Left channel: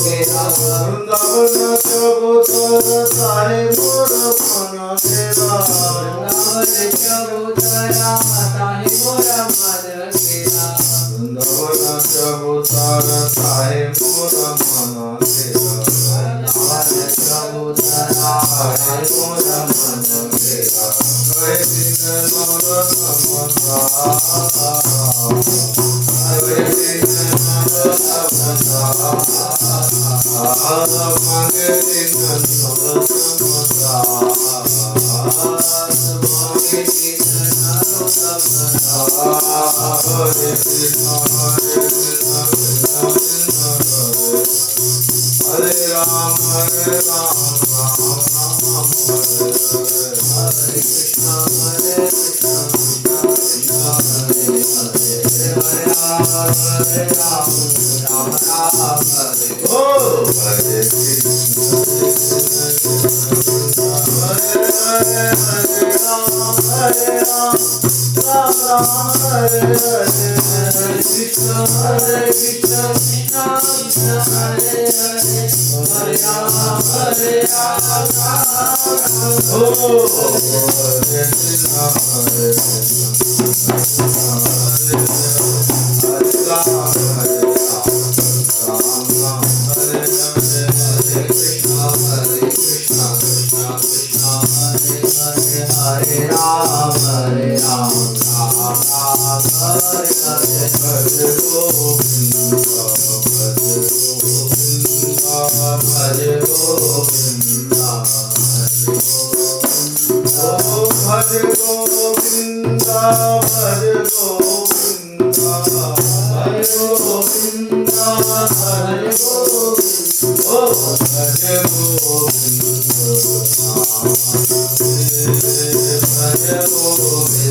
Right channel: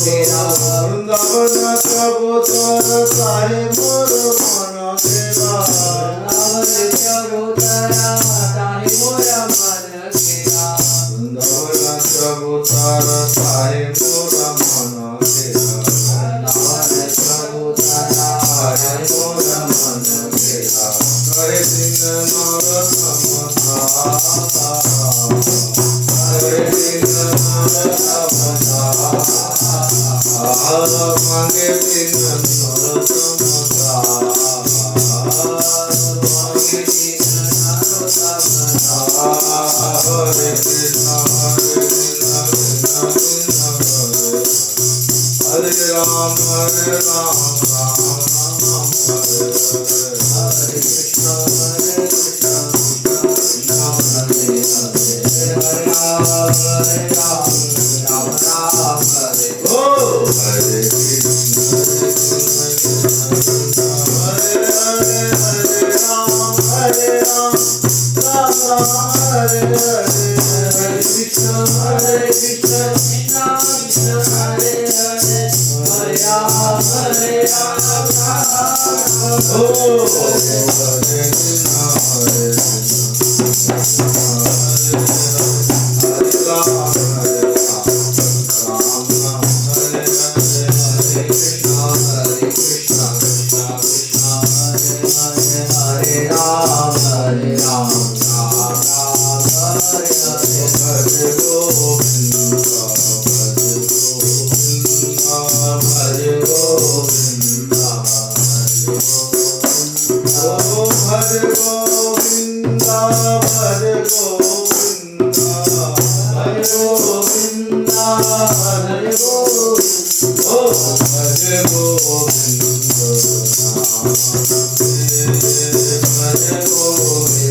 Sahe Vrindavan चबूतर साहे मोर मन सेवा वृंदावन चबूतरा साहे मोर मन सेवा वृंदावन चबूतर साहे मोर मन सेवा वृंदावन चबूतरा साहे मोर मन सेवा कहे दिन नर समता कहे दिन नर समता मांगे दिन नर समता मांगे दिन नर समता हरे कृष्ण हरे राम राम राम हरे हरे हरे कृष्ण हरे राम हरे राम राम राम हरे ओ हरे कृष्ण हरे हरे हरे राम राम राम हरे हरे हरे कृष्ण कृष्ण कृष्ण हरे हरे हरे राम ओ हरे कृष्ण हरे भज गोविंद भज गोविंद भज गोविंद भज गोविंद ओ भज गोविंद भज गोविंद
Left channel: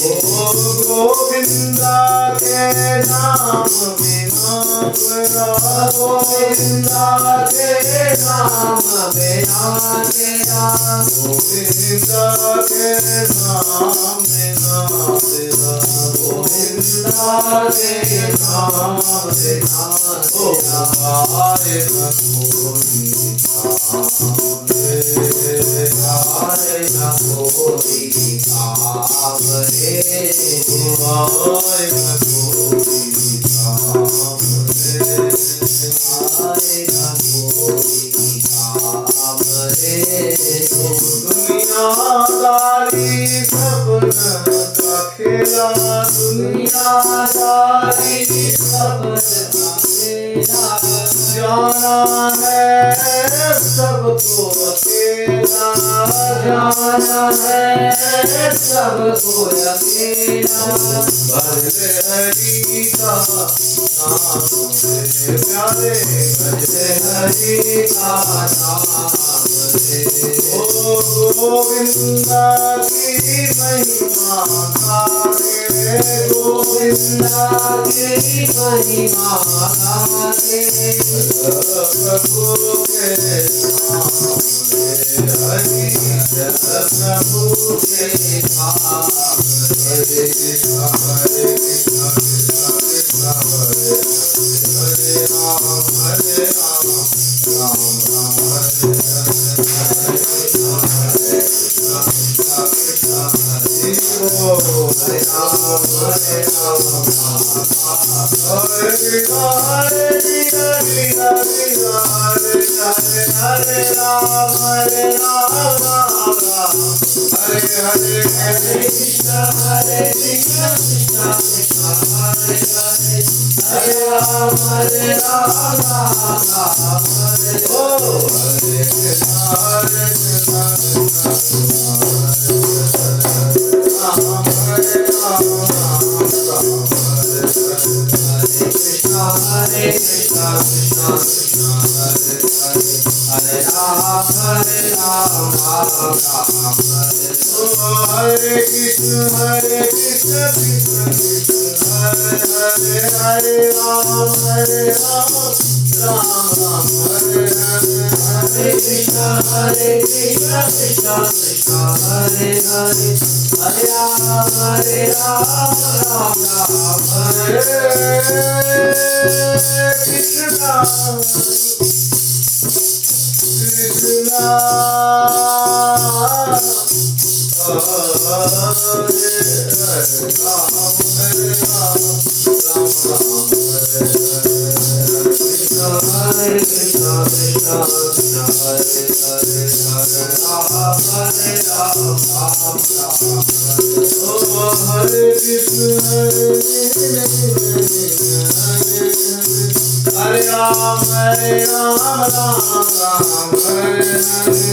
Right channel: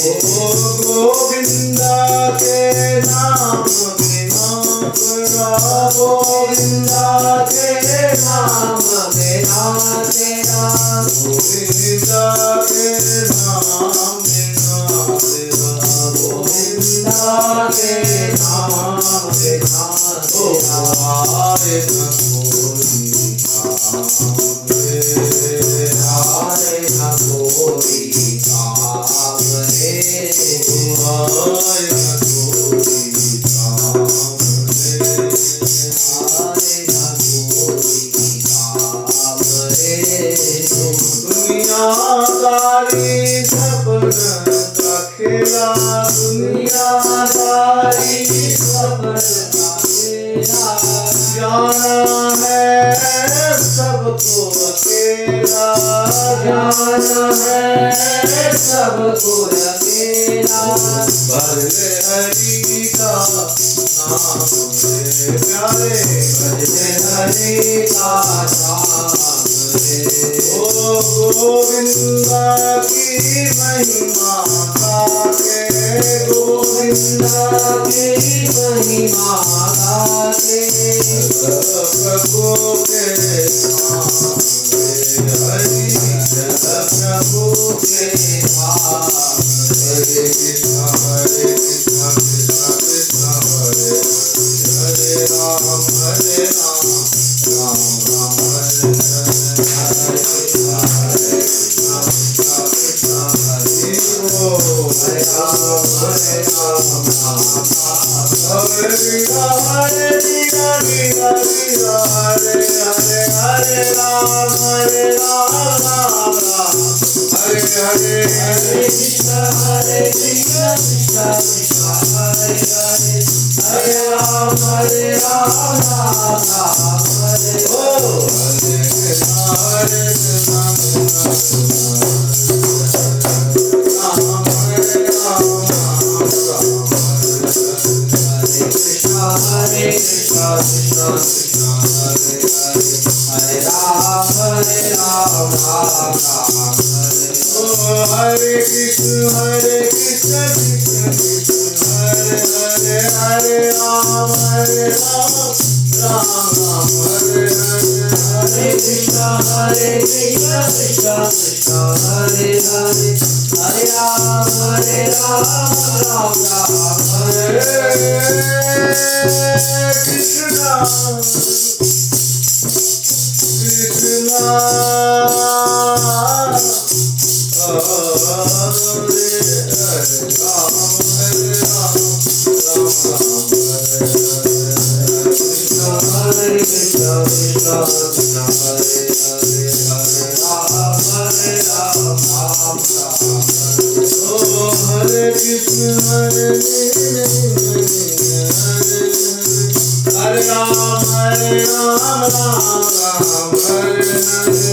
ओ गोविंद के नाम बिना गोविंद के नाम बिना तेरा गोविंद के नाम बिना तेरा गोविंद के नाम बिना ओ आए न कोई काम रे आए न कोई काम रे आए न कोई काम रे आए न कोई काम रे दुनियादारी सपन का खेला दुनियादारी सपन का खेला जाना है सबको अकेला जाना है सबको अकेला भजले हरि का नाम रे प्यारे भजले हरि का नाम रे ओ गोविंद की महिमा गाके गोविंद की महिमा गाके प्रभु के नाम रे हरि प्रभु के नाम हरे कृष्ण कृष्ण कृष्ण हरे हरे राम राम राम हरे हरे हरे कृष्ण कृष्ण हरे हरे राम हरे हरे वीरा वीरा वीरा हरे हरे हरे राम राम राम हरे हरे हरे कृष्ण कृष्ण कृष्ण हरे हरे हरे राम राम राम हरे ओ हरे कृष्ण कृष्ण कृष्ण राम हरे राम राम हरे कृष्ण कृष्ण कृष्ण हरे हरे हरे राम राम राम हरे ओ हरे Krishna Krishna Krishna Hare Hare Hare Ram Ram Ram Hare Hare Hare Krishna Krishna Krishna Hare Hare Hare Ram, Hare Ram, Ram Ram, Hare Krishna, Krishna, Hare Ram, Hare Krishna, Krishna Krishna, Hare Hare, Hare Ram, Hare Ram, Ram Ram, Oh Hare Krishna, Hare Ram, Hare Ram, Ram Ram, Hare Hare,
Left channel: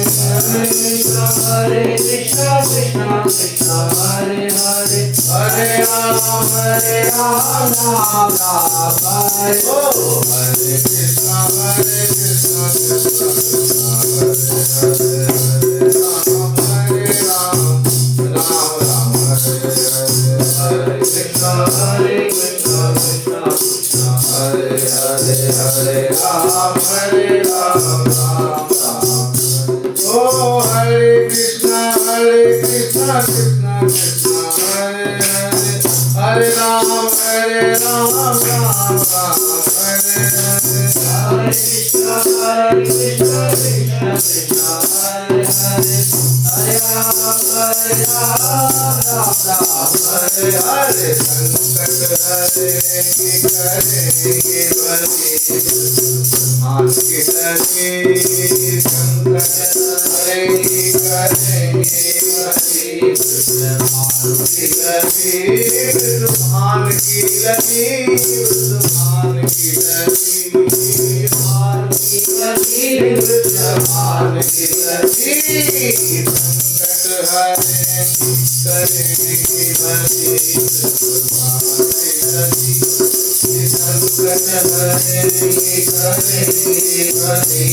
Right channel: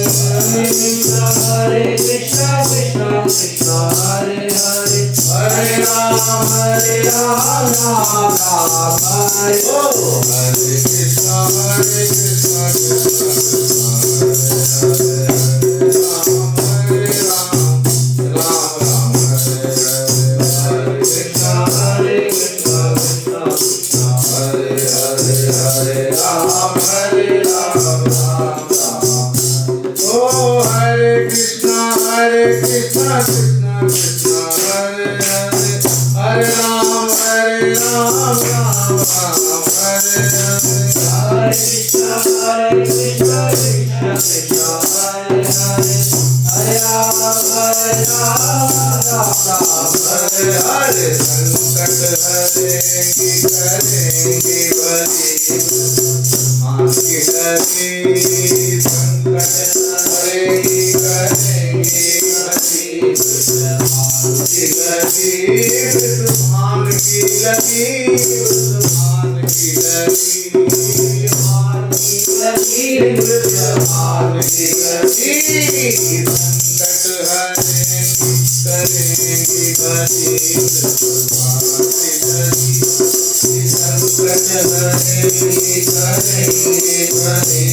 Hare Krishna, Krishna Krishna, Hare Hare, Hare Ram, Hare Ram, Ram Ram, Hare Oh Hare Krishna, Krishna Krishna, Hare Hare, Hare Ram, Hare Ram, Ram Ram, Hare Hare, Hare Krishna, Krishna Krishna, Hare Hare, Hare Ram, Hare Ram, Ram Ram. Oh Hare Krishna, Krishna Krishna, Hare Hare, Hare Ram, Hare Ram, Ram Ram, Hare Hare, Hare Krishna, Krishna Krishna, Hare Hare, Hare Ram, Hare Ram, Ram Ram, Hare Hare. संकट हरेंगे करेंगे बड़ी मान की लगी, संकट हरेंगे करेंगे बड़ी मान की लगी, मान की लगी, मान की लगी, मान की लगी, मान की लगी, संकट हरेंगे करेंगे बड़ी मान की लगी, संकट हरेंगे करेंगे बड़ी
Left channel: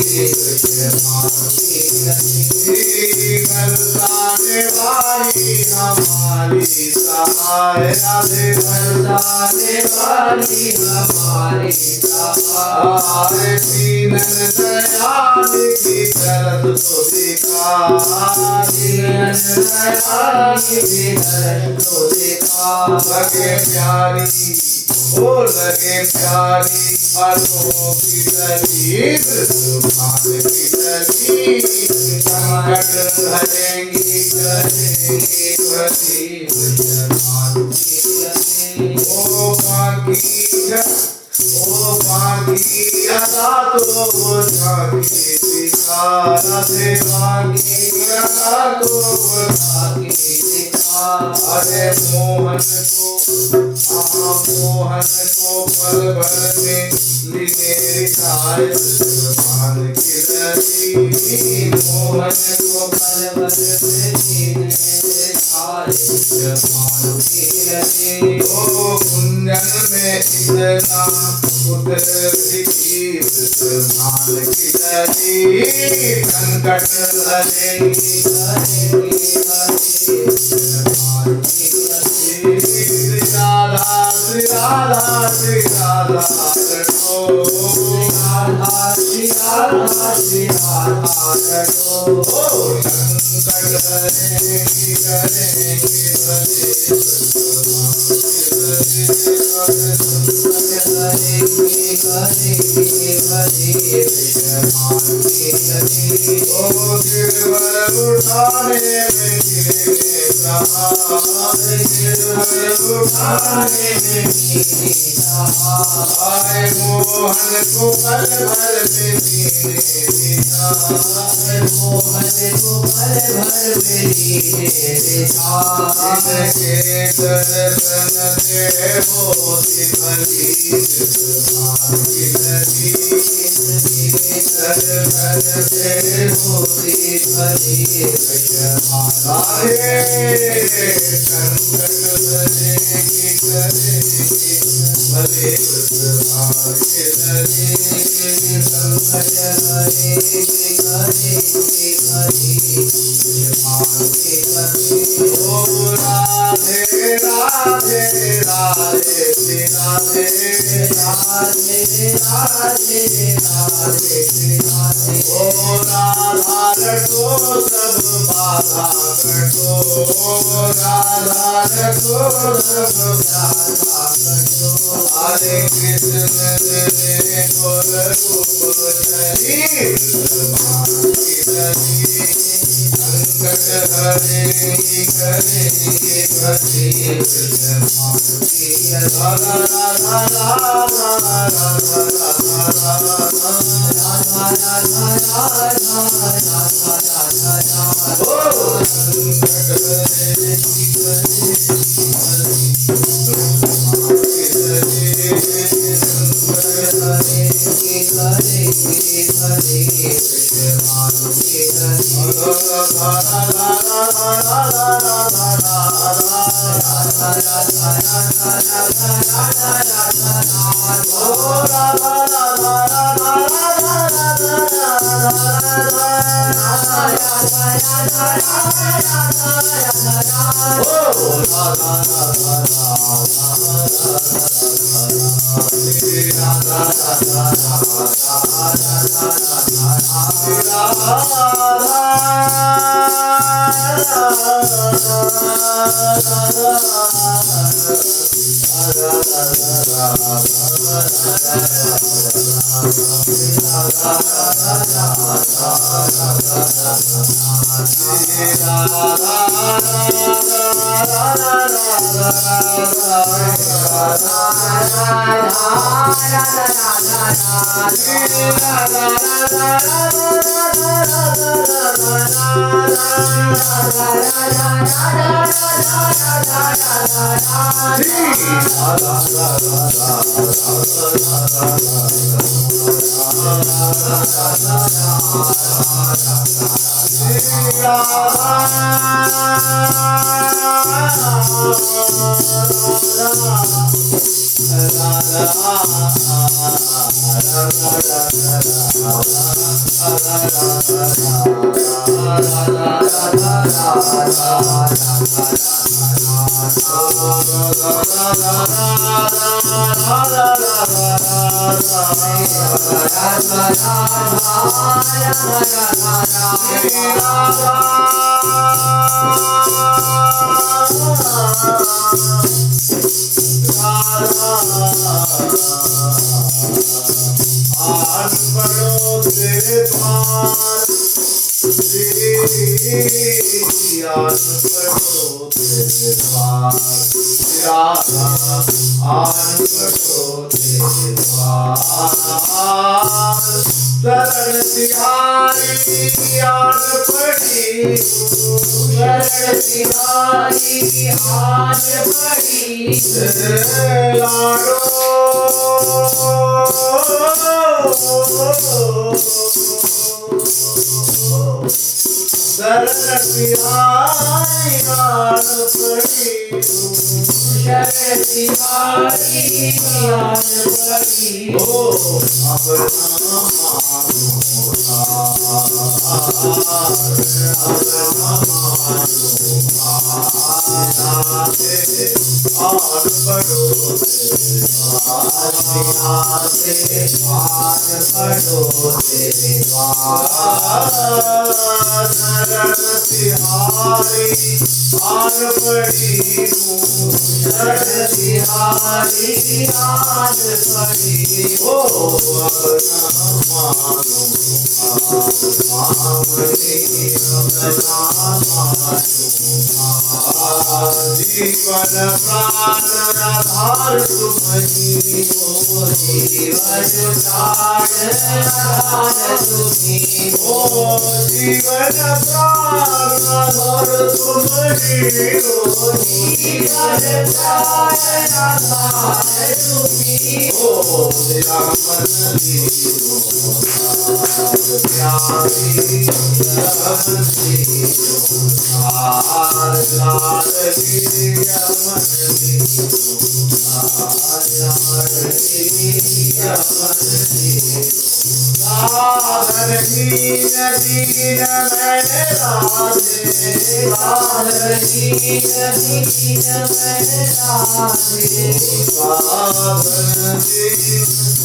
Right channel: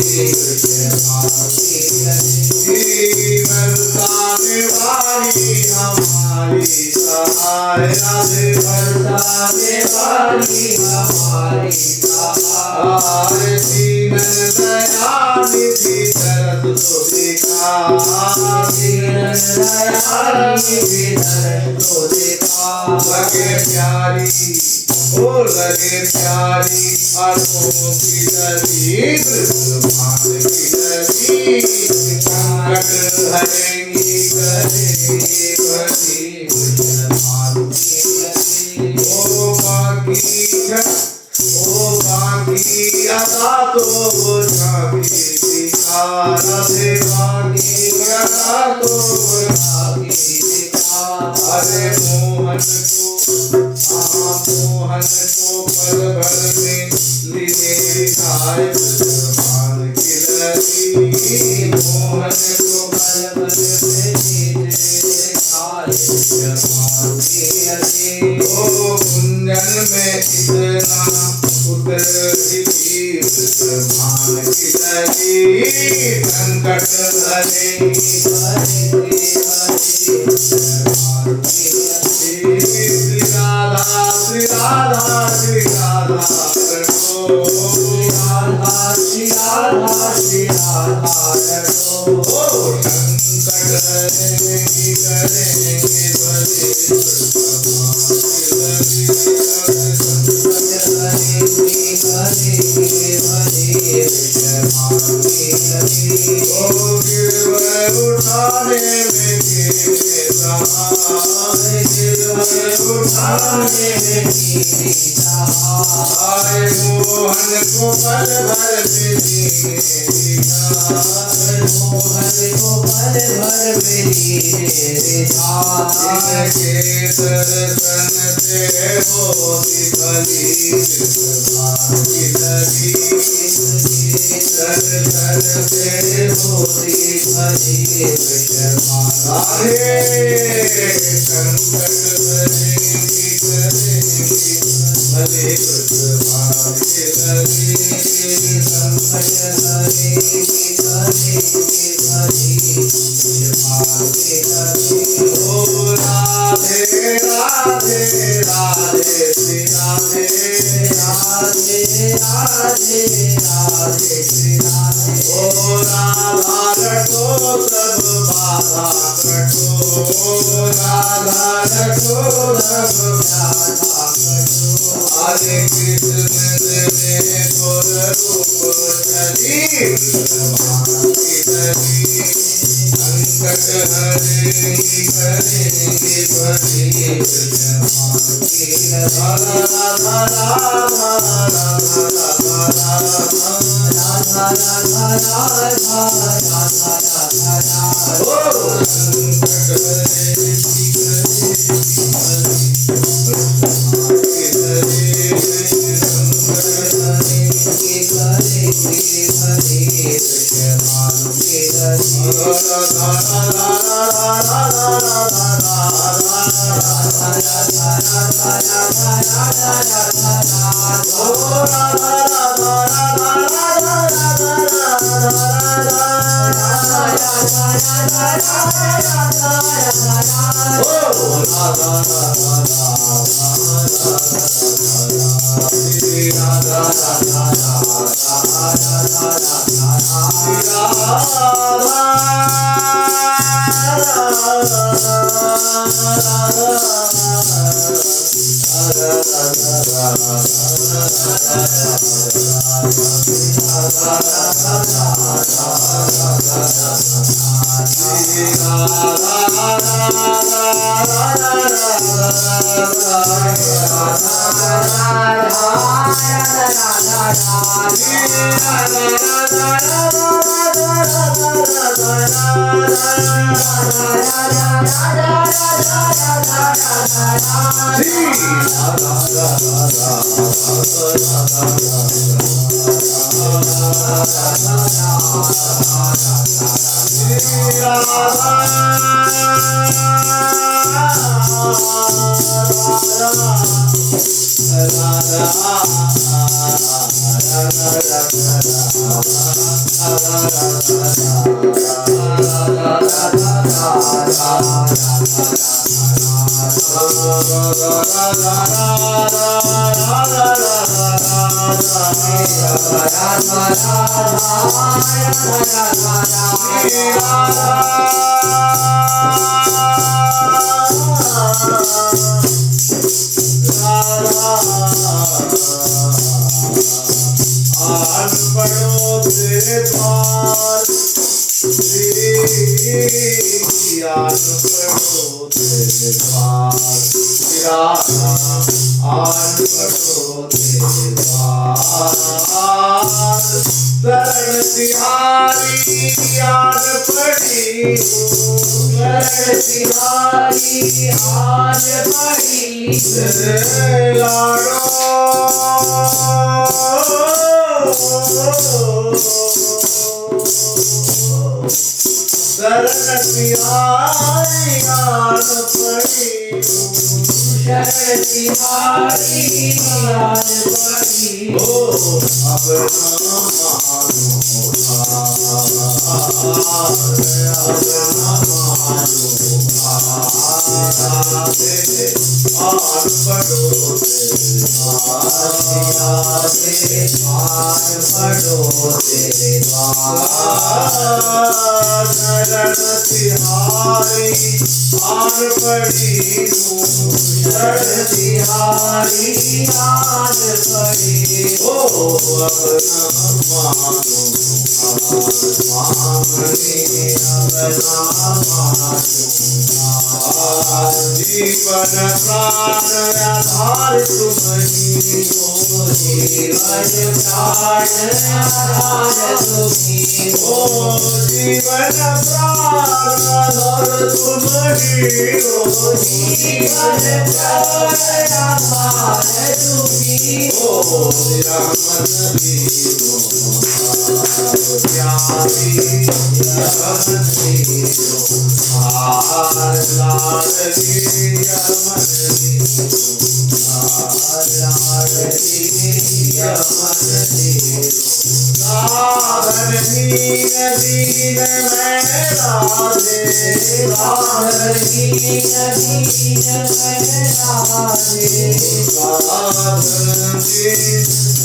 मान की लगी, बरसाने वाली हमारी सहाय, राधे बरसाने वाली हमारी सहाय, दीनन दयानिधि दर्द तो दिखा, दीनन दयानिधि दर्द तो दिखा, लगे प्यारी ओ लगे प्यारी आंखों की लगी, मान की लगी, संकट हरेंगी करेंगे बड़ी मान की लगी, ओ बाकी अदा तो वो झांकी दिखा, राधे बाकी अदा तो वो झांकी दिखा, अरे मोहन को पल भर में लिए खाए मान की लगी, मोहन को पल भर में लिए खाए मान की लगी, ओ कुंजन में इतना उतर मान की लगी, संकट हरेंगी करेंगे मान की लगी, श्री राधा श्री राधा श्री राधा रटो, श्री राधा श्री राधा रटो, संकट हरेंगी करेंगे बड़े उठाने में उठाने में आए मोहन को पल भर में जीने दिया, मोहन को पल भर में जीने दिया, जिनके दर्शन से होती भली मान की लगी, दर्शन से होती भली राधे, संकट हरेंगी करेंगी भले मान की लगी, संकट हरेंगी करेंगी भली मान की लगी, ओ राधे राधे राधे श्री राधे, राधे राधे राधे ओ राधा रखो सब बाधा कटो, राधा रखो सब बाधा कटो। हरे कृष्ण देवे गोर रूप धरी, संकट हरेंगे करेंगे भरी वृषभान की। राधा राधा राधा राधा राधा राधा राधा ओ संकट हरेंगे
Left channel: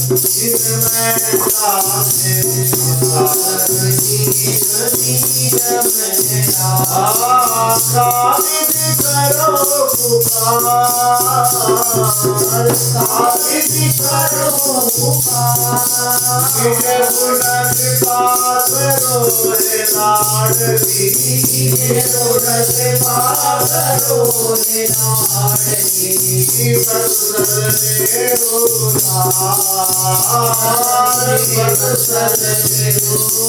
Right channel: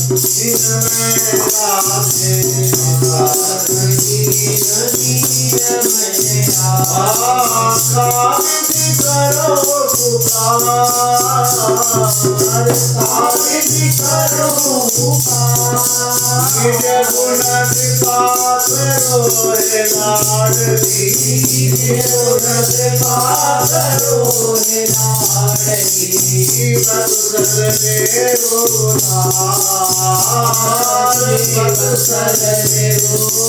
जिनमें राधे साधन नीर कामिनी करो पुकार कामिनी करो पुकार निज गुण कृपा करो हे लाडली निज गुण कृपा करो हे लाडली बसने उदार बसने उदार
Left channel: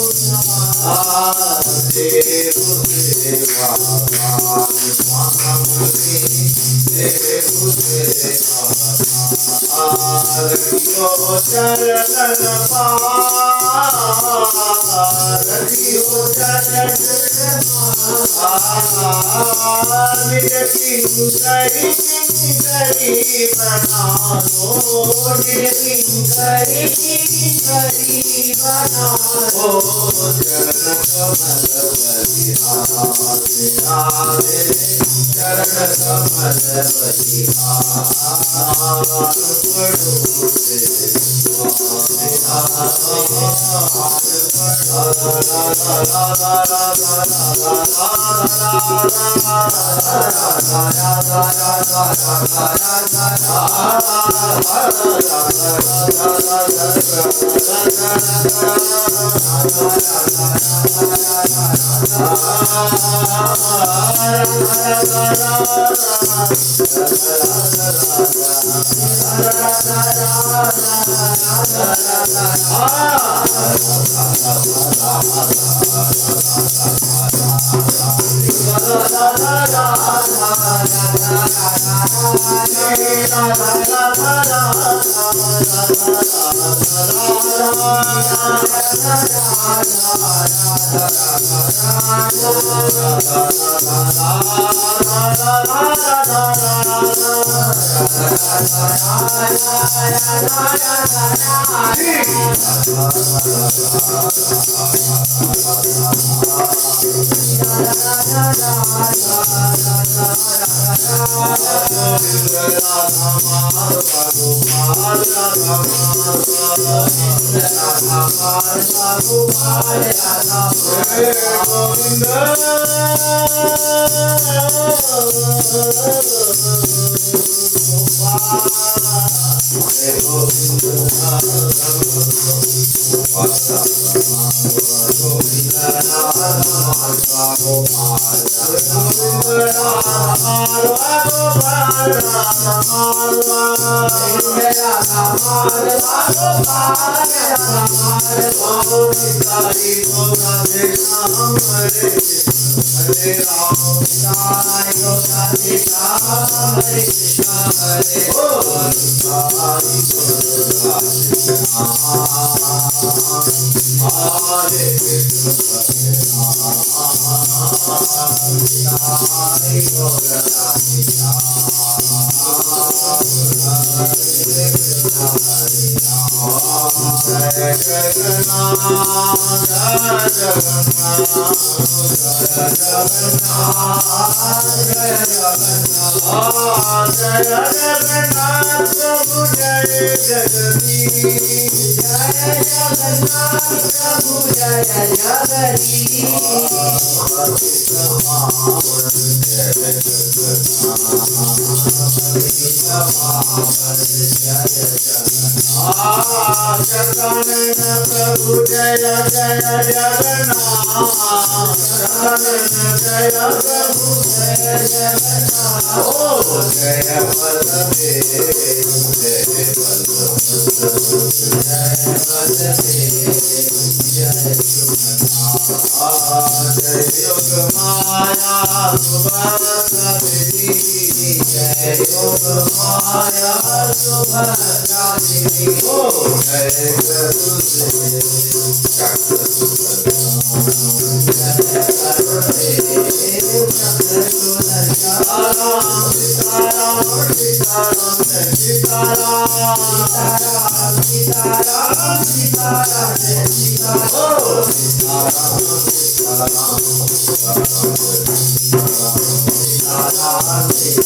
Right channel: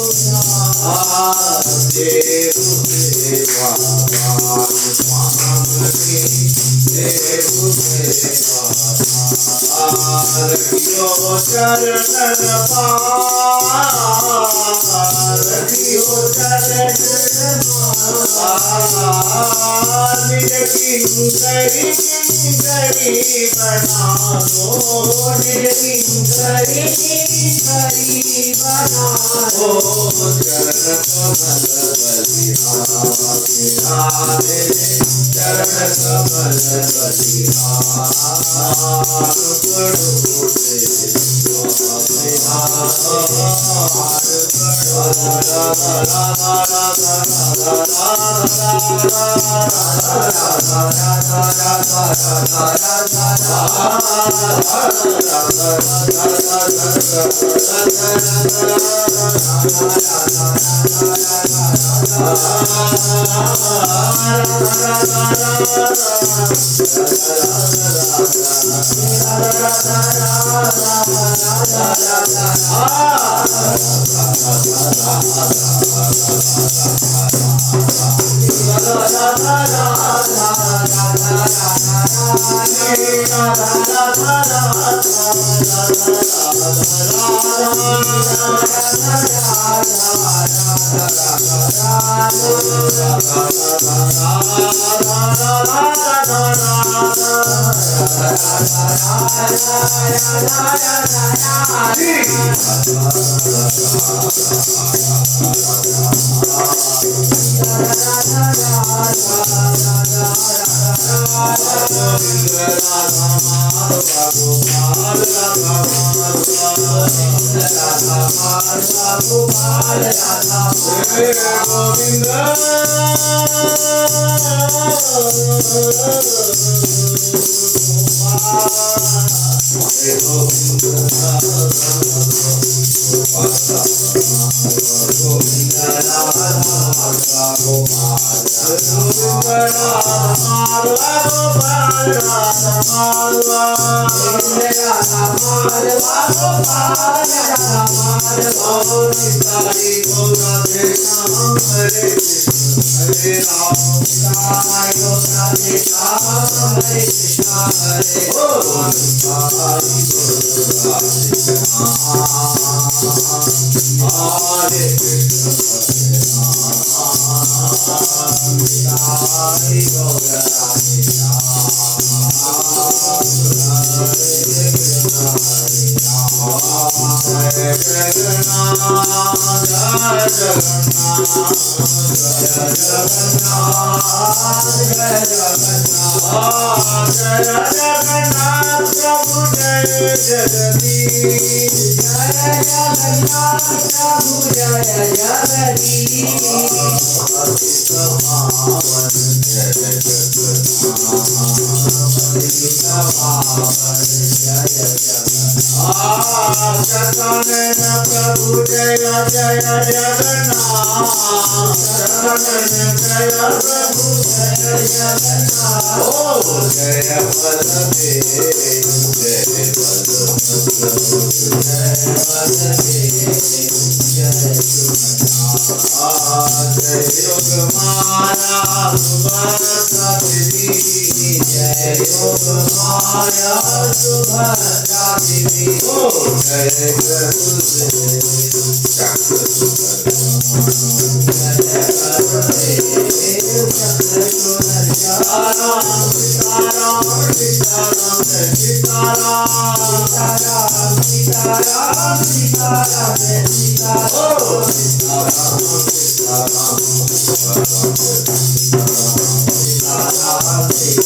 देव देवा स्वामी देव देवा रखियो चरण पार रखियो चरण पार निज किंकरी बना दो निज किंकरी बना दो चरण कमल बलिहारे चरण कमल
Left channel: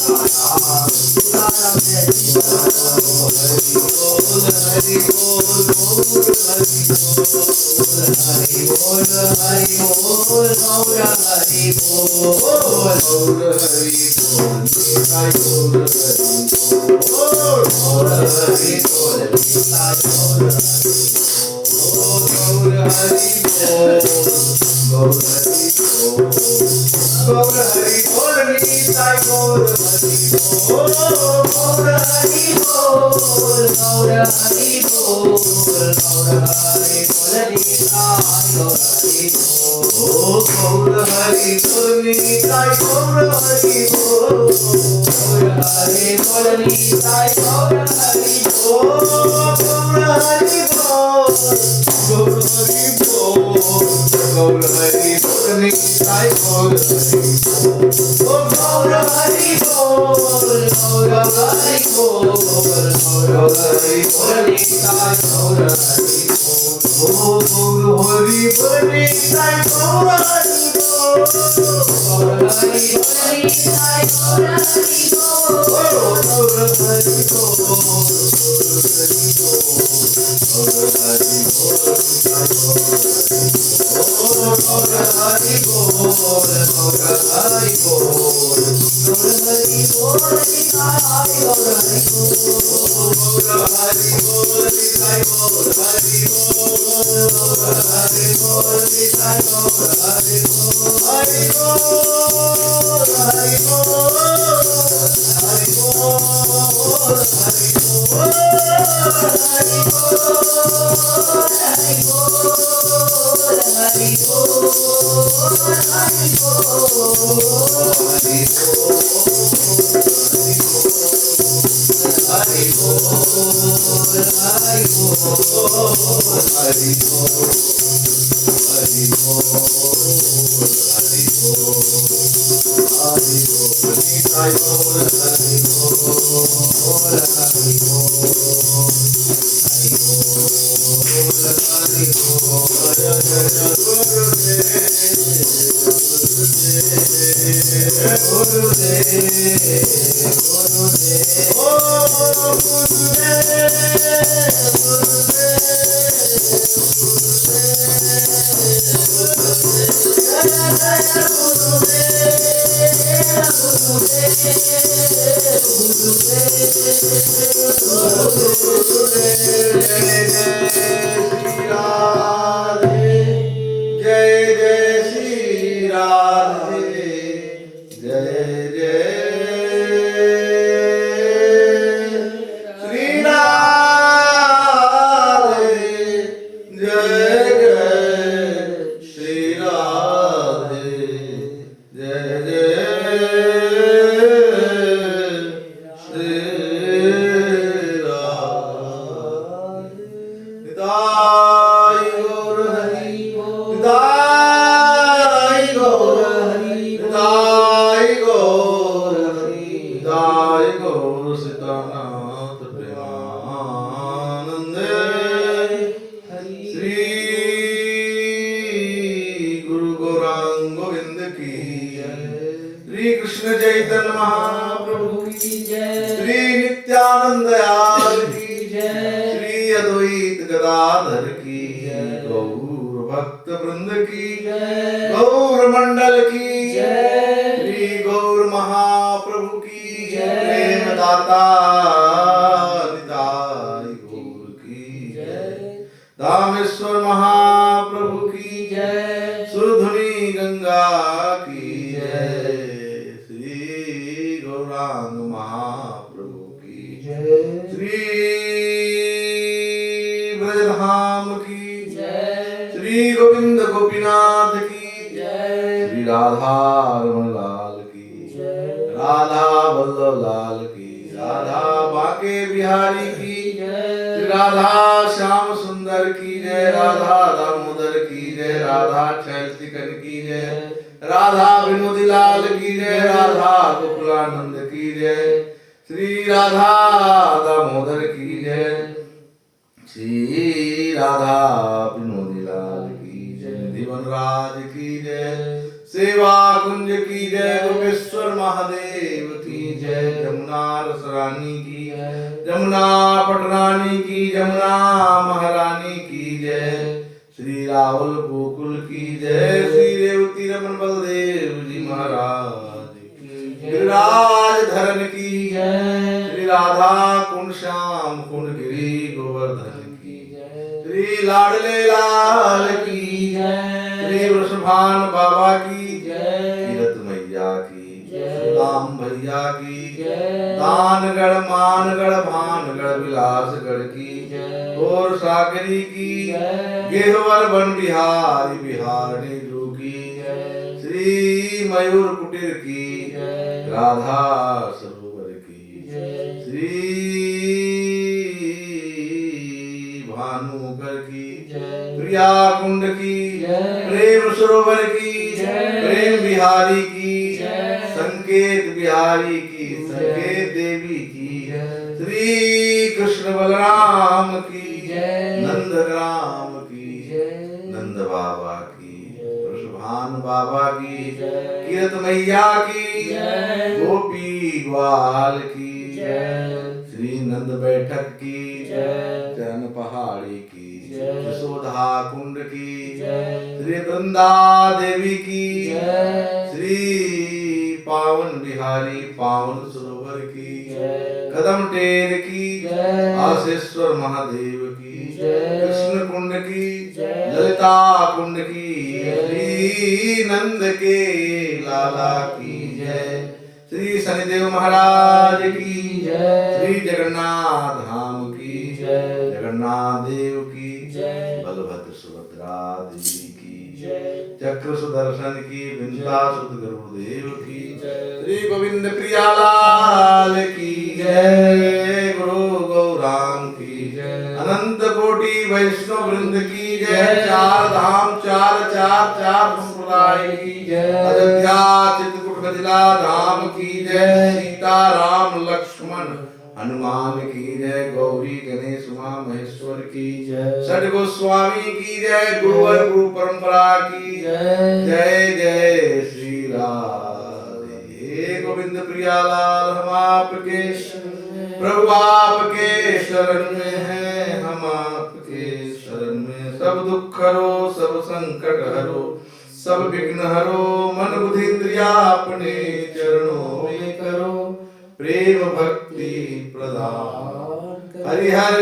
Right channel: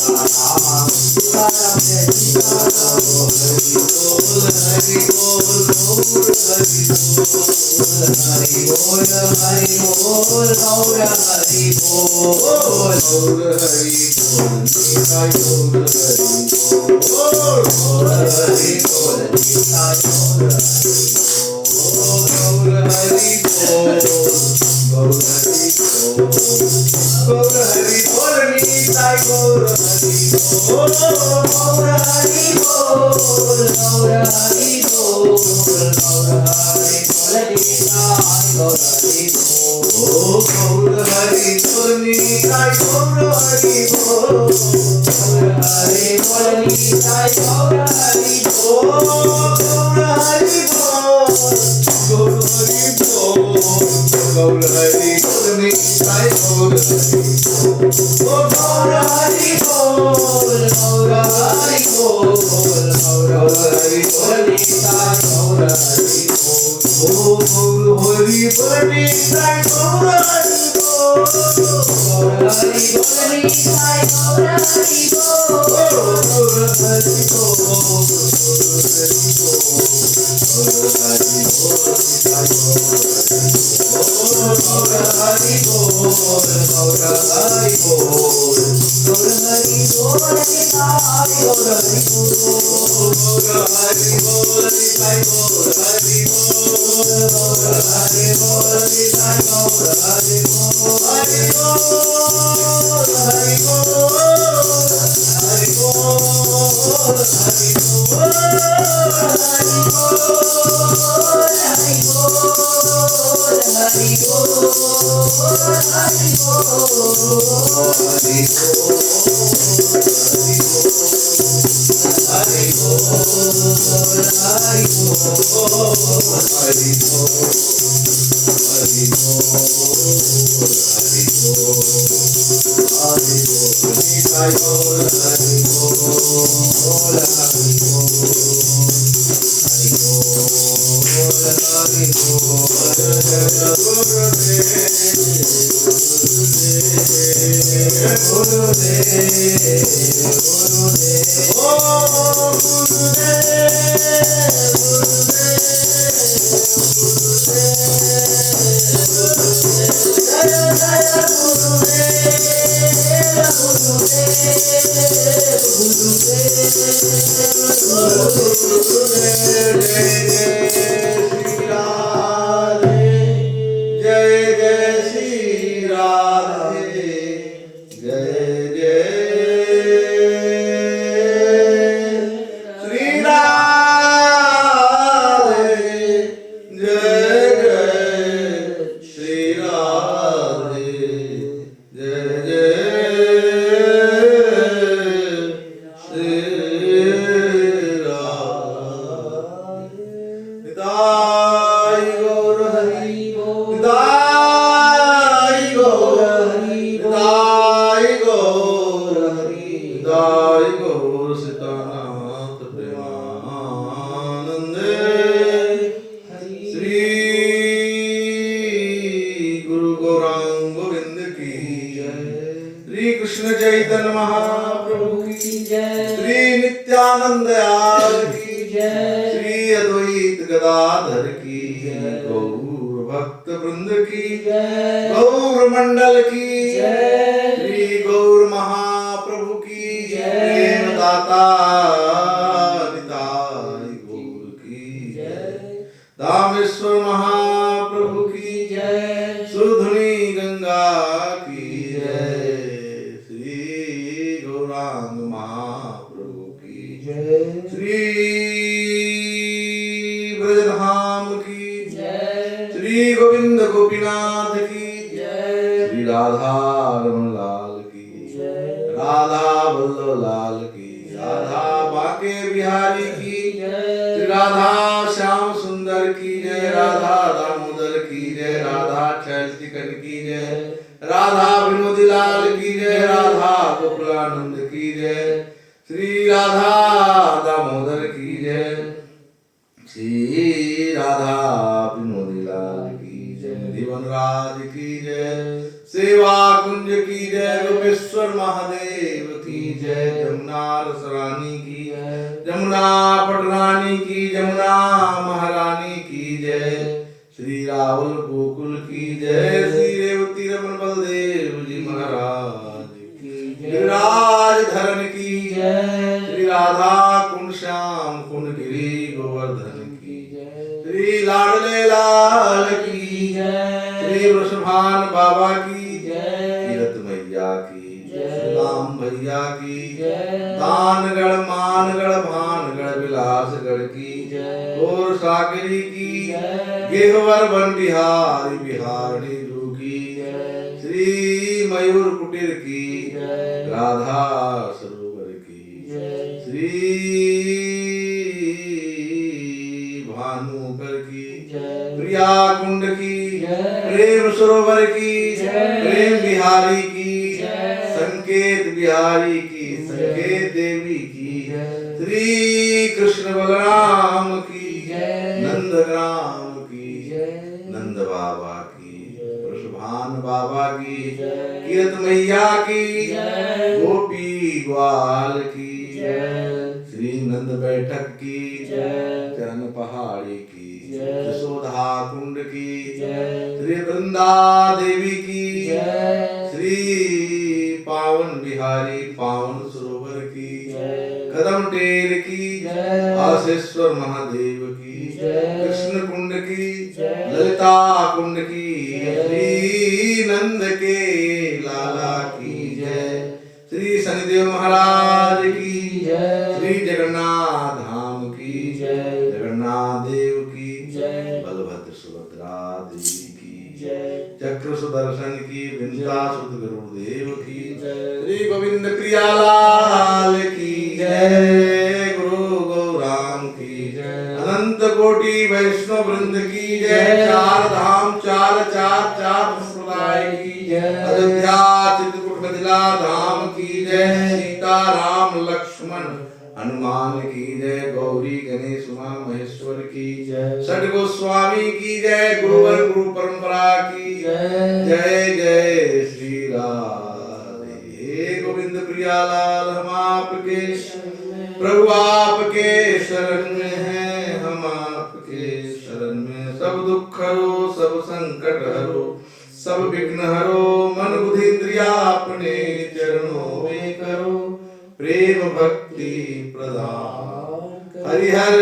सीताराम सीताराम जय सीताराम हरि बोल गौर हरि बोल हरि बोल गौर हरि बोल गौर हरि बोल निताय गौर हरि बोल गौर हरि बोल निताय गौर हरि बोल गौर हरि बोल गौर हरि बोल निताय गौर हरि बोल गौर हरि बोल गौर हरि बोल गौर हरि बोल निताय गौर हरि बोल गौर हरि बोल निताय गौर हरि बोल गौर हरि बोल निताय गौर हरि बोल गौर हरि बोल गौर हरि बोल गौर हरि बोल निताय गौर हरि बोल गौर हरि बोल गौर हरि बोल गौर हरि बोल निताय गौर हरि बोल गौर हरि बोल निताय गौर हरि बोल गौर हरि बोल निताय गौर हरि बोल गौर हरि बोल सेवा कुंज की जय, गोपेश्वर महादेव की जय। यमुना रसरानी की, जमुना पटरानी की, जमुना महारानी की जय। श्री राहुल गोकुल की जय, श्री रेवती रमन बलदेव जी महाराज की, गिरिराज धरन की जय, श्री राधा कुंड श्याम कुंड गिरी गोवर्धन की जय, श्री लाडले लाल की जय, श्री वृषभान बाबा की जय, तीरथ मैया की जय, राम भैया की जय, दानगढ़ मानगढ़ भानगढ़ विलासगढ़ की जय, और सागरी की जय, गेहवर वन बिहारी बिहारणी ध्रुव की जय, श्री मयूर कुटीर की जय, राधा सरोवर की जय, श्री भानुकर की जय, प्रिया कुंड की जय, प्रेम सरोवर की जय, प्रेम बिहारी की जय, संकेत बिहारी की, संकेत देवी की जय, श्री कृष्ण बलराम की जय, नंदग्राम की जय, नंद बाबा की वृषभान बाबा की जय, कीरत मैया की जय, गोपी ग्वाल की जय, श्री नंद बैठक की जय, चरण पहाड़ी की जय, यशोधा कुंड की जय, श्री वृंदा देवी की जय, श्री पावन बिहारी पावन सरोवर की जय, कदम टेर की जय, आशेश्वर महादेव की जय, कृष्ण कुंड की जय, ललिता कुंड की, श्री नंद के लाला की जय, श्री शनिदेव महाराज की जय, श्री जगन्नाथ धाम की जय, जगन्नाथ देव की जय, बलभद्र सुभद्रा देवी की जय, चक्र सुदर्शन की, विंता सुत गुरुदेव की जय, श्री गोविंद प्रियालाल की जय, गुरु गौरांग की जय, अनंत कोटि वैष्णव वृंद की जय, चार धाम चार चार चार संप्रदाय की जय, अयोध्या चित्रकूट मिथिला धाम की जय, सीता राम लक्ष्मण हनुमान की जय, गौरी गणेश उमा महेश्वर की जय, षड गोस्वामी की जय, गुरुवर गुरु परंपरा की जय, जय जय श्री राधे। हे गोविंद प्रियालाल हम आपके प्रभु आपके शरण में हैं, हम आपके शरण में, सब दुख हरो सब संकट हरो सब विघ्न हरो, मन बुद्धि इंद्रिया अपने चरणों में करो, प्रेम भक्ति प्रदान हरिहर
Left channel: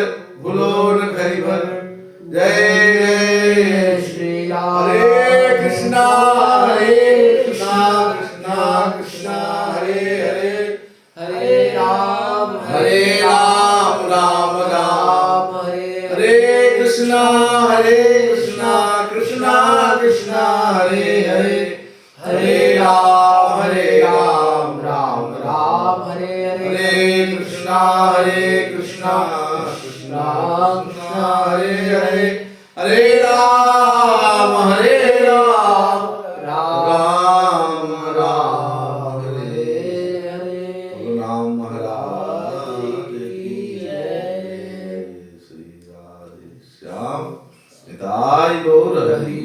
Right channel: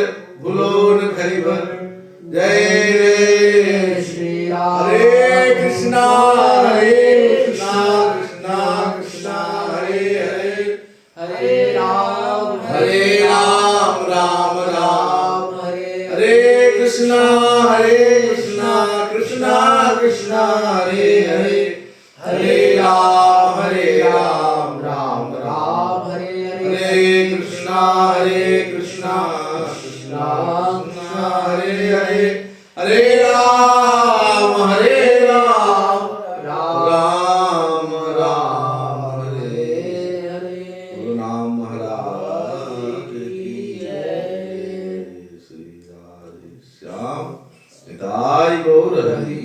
भुलो न हरिभर, जय जय श्री राम। हरे कृष्णा कृष्णा कृष्णा हरे हरे, हरे राम राम राम हरे हरे, कृष्णा कृष्णा कृष्णा हरे हरे, हरे राम राम राम हरे हरे, कृष्णा कृष्णा कृष्णा हरे हरे, हरे राम राम राम हरे हरे। बोलो नाम महाराज की जय। श्री राधे श्याम निताई गौर हरि।